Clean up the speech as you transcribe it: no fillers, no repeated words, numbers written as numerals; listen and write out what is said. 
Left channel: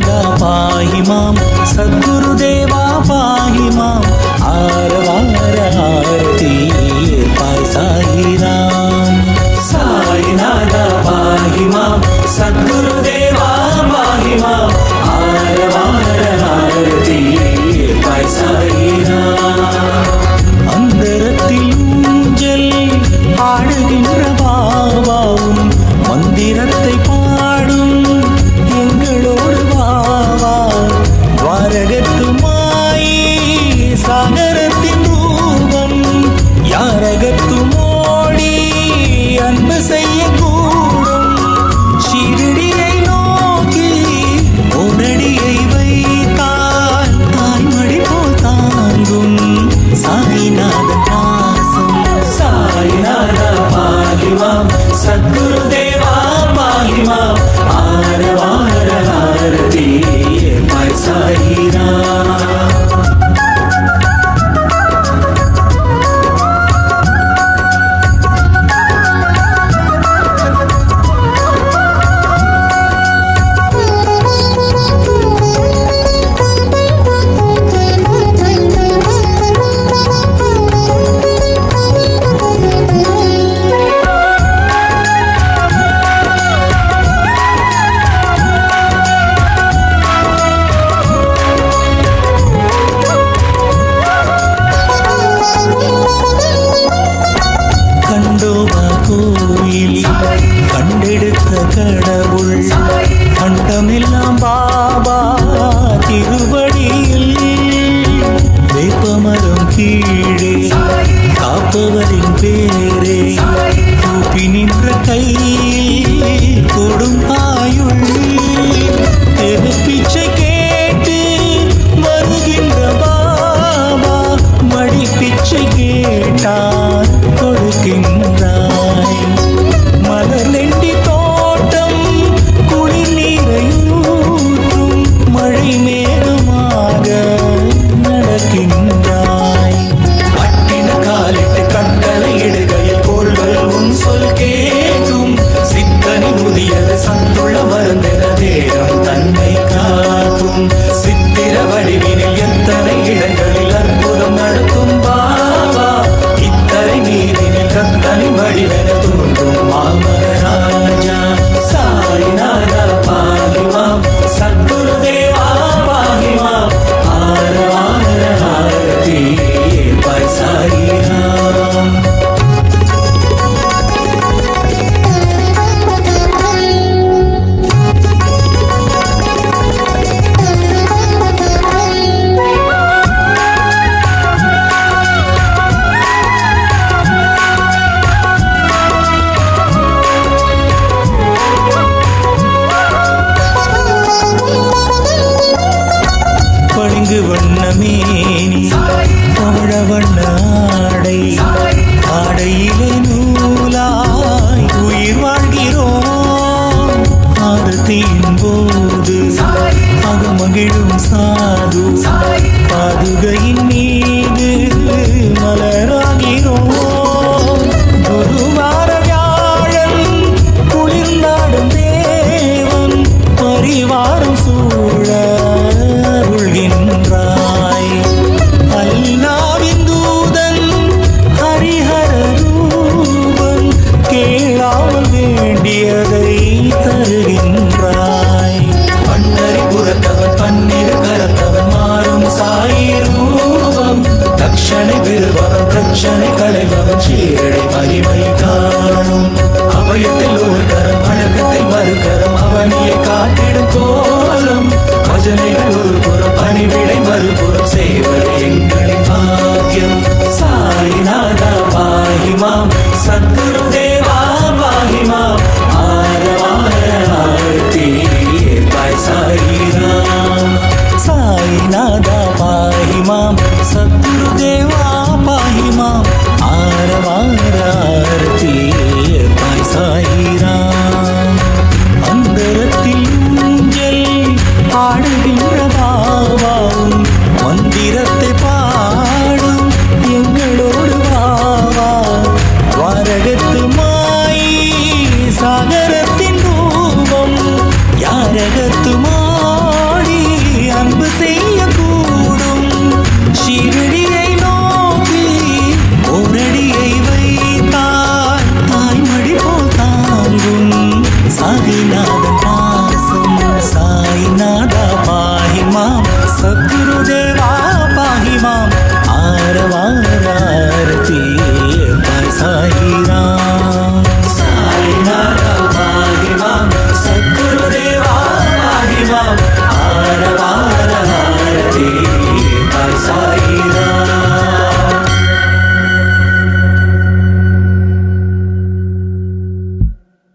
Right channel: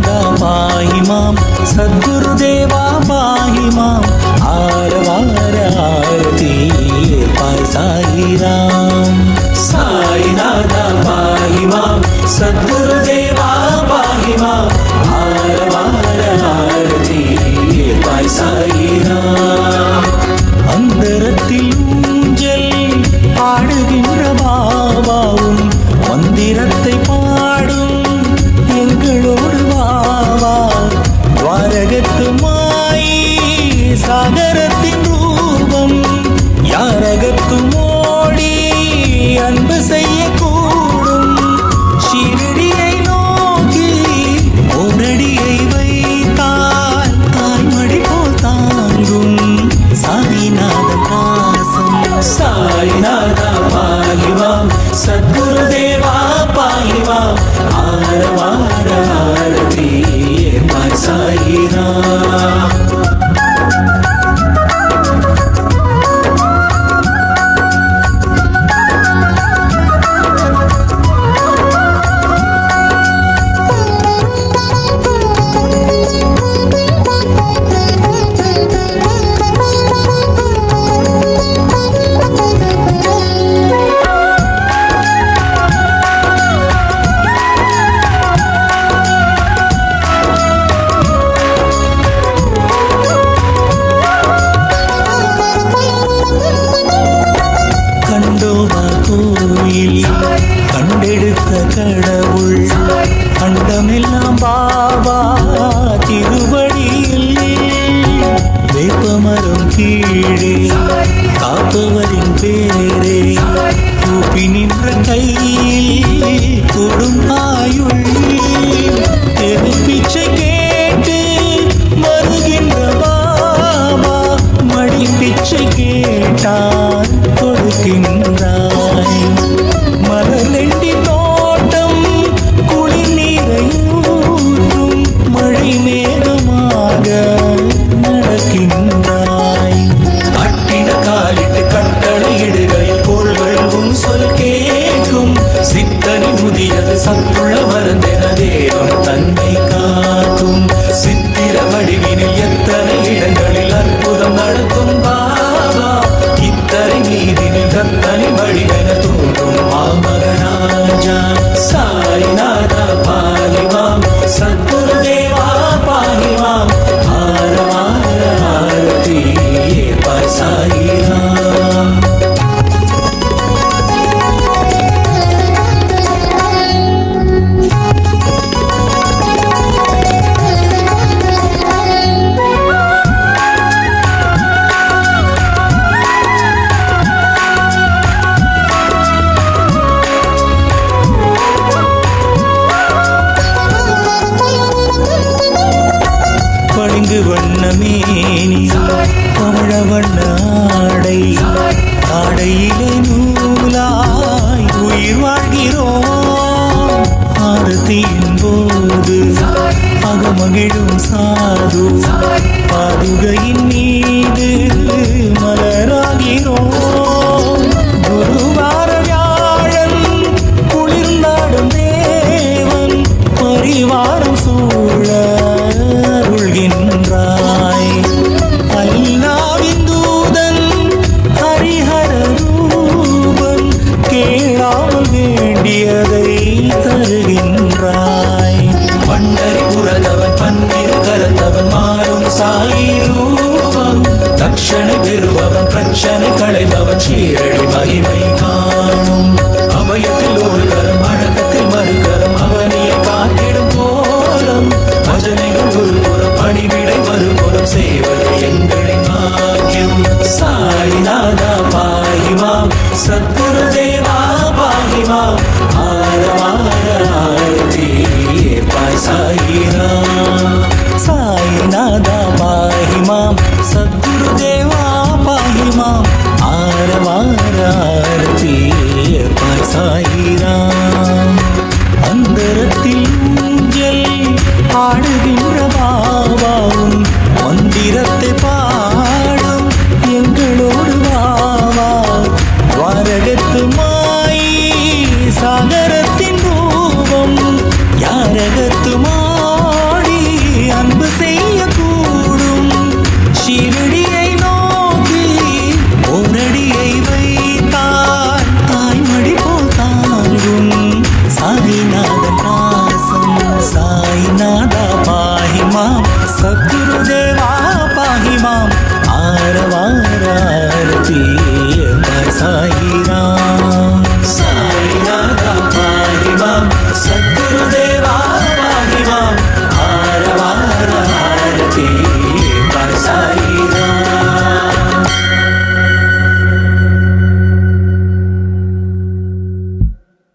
சாயிநாதா பாஹி மாம், சத்குருதேவா பாஹி மாம், ஆரவார ஆரதி ஏற்பாய் சாயிராம். சாயிநாதா பாஹி மாம், சத்குருதேவா பாஹி மாம், ஆரவார ஆரதி ஏற்பாய் சாயிராம். அந்தரத்தில் ஊஞ்சல் ஆடுகின்ற பாபாவும் மந்திரத்தை பாடும் எங்களோடு வாவா. துவாரகத்து மாயி சாகரத்தின் ரூபம், யாரகத்து மோடி அன்பு செய்யக்கூடும். ஷிரடியை நோக்கி ஓரடியை வைத்தால் தாய்மடி போல் தாங்கும் சாய்நாதன் பாசம். சாய்நாதா பாஹி மாம், சத்குருதேவா பாஹி மாம், ஆரவார ஆரதி ஏற்பாய் சாயிராம். கண்டோபா கோயில் கண்டெடுத்த கடவுள், கண்டமெல்லாம் பாபா திருவடியில். வேப்பமரம் கீழே காப்பவரின் பேரே, கூப்பி நின்ற கையில் கொடும் ஆயுள். தெருப்பிச்சை கேட்டு வருகின்ற பாபா, மடி பிச்சை கேட்டார் கொடுக்கின்றாய். மலர்லெண்டி தோட்டம் குளிர் நீரை ஊற்றும், மழை மேகமாக நடக்கின்றாய். கட்டின காலிட்டு கட்டளை இடுகையில் கோள்கள் சொல் கேட்கும். சித்தனி முதியது சத்துள்ள மருந்தென தேகம் தன்னை காக்கும். சித்திர வடிவினில் எத்தனை இடங்களில் அற்புதம் நடத்தும் பாபா, இத்தனை நீதினில் கத்தனி வடிவென தோன்றும் மாமகராஜா. சாய்நாதா பாஹி மாம், சத்குருதேவா பாஹி மாம், ஆரவார ஆரதி ஏற்பாய் சாயிராம். பளிங்கு வண்ண மேனி பவழ வண்ண ஆடை, ஆடையிலே நூலாய் உயிர் வாழ்கிறோம். ஆரத்தியின் போது அகமகிழும் சாது, பாதுகையின் மீது மலராகிறோம். குருவார வியாழன் குளிர்ந்தாடும் தேவன், பரிவாரம் சூழ அருள்கின்றாய். அல்லாவின் தூதன் ஹரிஹர ரூபன், கேளாமல் வேண்டியதை தருகின்றாய். பண்டரி புறத்தவன் பன்னிரு கரத்தவன் மாறும் சாயி ரூபம், தட்சணை பெறுபவன் பிரச்சனை களைபவன் ஷீரடி மகிமை காணும். அபயத்தில் ஒரு கரம் அடக்கத்தில் மறுகரம் அவனியை காத்திடும் கோலம். பஜனைகள் ஒரு புறம் பணிவிடை மறுபுறம் சேவது எங்களின் பாக்கியம். சாய்நாதா பாஹி மாம், சத்குருதேவா பாஹி மாம், ஆரவார ஆரதி ஏற்பாய் சாயிராம். சாய்நாதா பாஹி மாம், சத்குருதேவா பாஹி மாம், ஆரவார ஆரதி ஏற்பாய் சாயிராம். அந்தரத்தில் ஊஞ்சல் ஆடுகின்ற பாபாவும் மந்திரத்தை பாடும் எங்களோடு வாவா. துவாரகத்து மாயி சாகரத்தின் ரூபம், யாரகத்து மாடி அன்பு செய்யக்கூடும். ஷீரடியை நோக்கி ஓரடியை வைத்தால் தாய்மடி போல் தாங்கும். சாயிநாதன் பாசம் சாய்நாதா பாஹிமாம், சத்குருதேவா பாஹிமாம். ஆரவார ஆரத்தி பாய் சாயிராம்.